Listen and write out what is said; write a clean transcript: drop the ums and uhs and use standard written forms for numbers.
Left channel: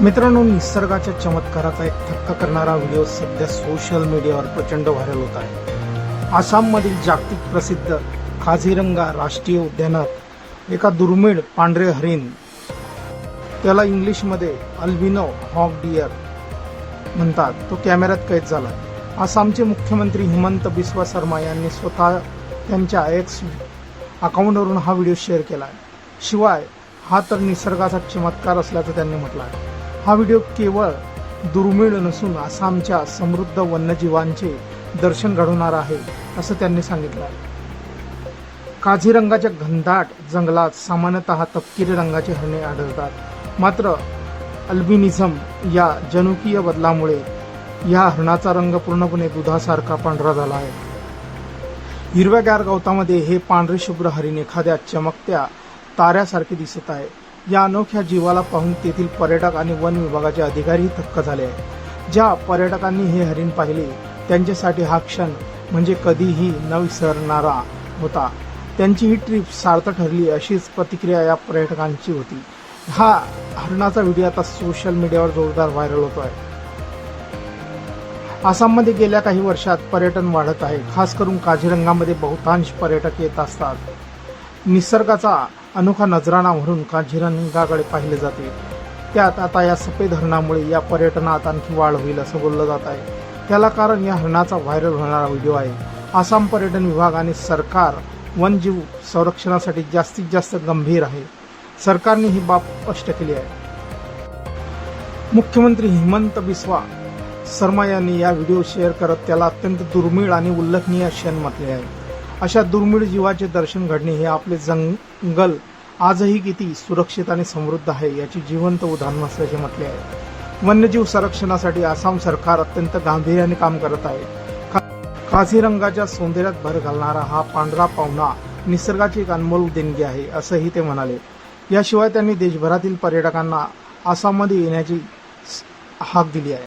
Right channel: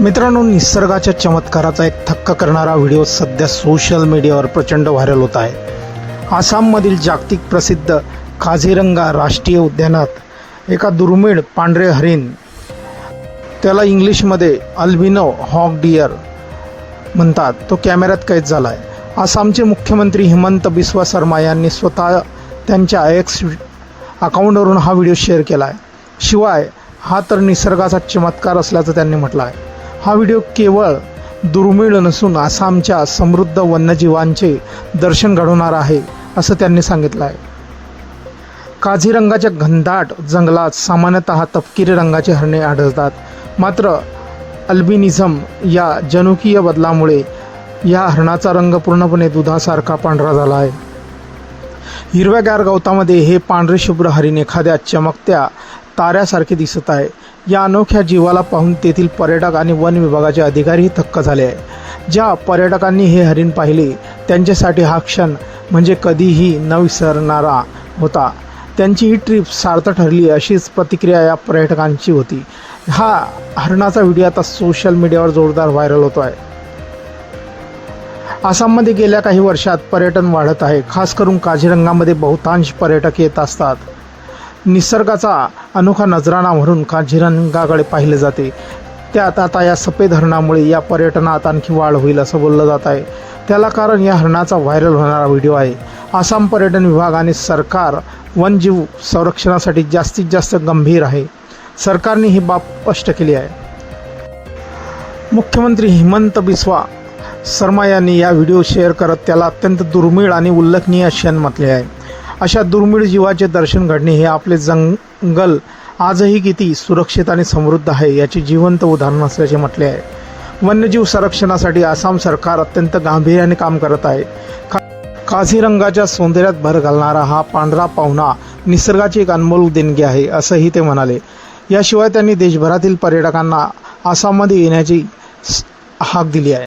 मित्रांनो, निसर्गाच्या चमत्काराचा एक थक्क करणारा व्हिडिओ सध्या सोशल मीडियावर प्रचंड व्हायरल होत आहे। आसाममधील जागतिक प्रसिद्ध काझीरंगा राष्ट्रीय उद्यानात एका दुर्मिळ पांढरे हरिण, त्याला इंग्लिशमध्ये अल्बिनो हॉक डिअर म्हणतात, तो कॅमेऱ्यात कैद झाला आहे। आसामचे मुख्यमंत्री हिमंत बिस्वा शर्मा यांनी स्वतः त्यांच्या एक्स अकाउंटवरून हा व्हिडिओ शेअर केला आहे। शिवाय हा तर निसर्गाचा चमत्कार असल्याचं त्यांनी म्हटलं आहे। हा व्हिडिओ केवळ दुर्मिळ नसून आसामच्या समृद्ध वन्यजीवांचे दर्शन घडवणार आहे असं त्यांनी सांगितलं आहे। काझीरंगाच्या घनदाट जंगलात सामान्यतः तपकिरी रंगाची हरणे आढळतात, मात्र अल्बिनिझम या जनुकीय बदलामुळे या हरणाचा रंग पूर्णपणे दुधासारखा पांढरा झाला आहे। हिरव्यागार गवतामध्ये हे पांढरे शुभ्र हरिण एखाद्या चमकत्या ताऱ्यासारखे दिसत आहे। या अनोख्या जीवाला पाहून तेथील पर्यटक आणि वन विभागाचे अधिकारीही थक्क झाले आहे। ज्या पर्यटकांनी हे हरिण पाहिले त्यांच्यासाठी हा क्षण म्हणजे कधीही न विसरणारा होता। त्यांची ही ट्रिप सार्थ ठरली अशीच प्रतिक्रिया या पर्यटकांची होती। हा हरणाचा व्हिडिओ आता सोशल मीडियावर जोरदार व्हायरल होतो आहे। आसाममध्ये गेल्या काही वर्षात पर्यटन वाढत आहे। खास करून काझीरंगामध्ये बहुतांश पर्यटक येत असतात। निसर्गाचा अनोखा नजराणा म्हणून काझीरंगाकडे पाहिले जाते। त्यात आता या सफेद हरणामुळे या पर्यटनात आणखी वाढ होईल असं बोललं जात आहे। त्याला कारण या हरणाचा व्हायरल होणारा व्हिडिओ आहे। आसाम पर्यटन विभाग आणि सरकार वन्यजीव संरक्षणासाठी जास्तीत जास्त गंभीर आहे। सरकारने ही बाब स्पष्ट केली आहे। मुख्यमंत्री हिमंत बिस्वा शर्मा यांनी या व्हिडिओ शेअर करत त्याला अत्यंत दुर्मिळ आणि उल्लेखनीय क्षण म्हटले आहे। अशा दुर्मिळ जीवाचे दर्शन घडणे हे आपले जंगल आजही किती सुरक्षित आणि समृद्ध आहे याचे जिवंत उदाहरण असल्याचे म्हटले आहे। वन्यजीव संरक्षणासाठी आसाम सरकार अत्यंत गांभीर्याने काम करत आहे। काझीरंगाच्या सौंदर्यात भर घालणारा हा पांढरा पाहुणा निसर्गाची एक अनमोल देणगी आहे असंही ते म्हणाले। याशिवाय त्यांनी देशभरातील पर्यटकांना आसाममध्ये येण्याची हाक दिली आहे।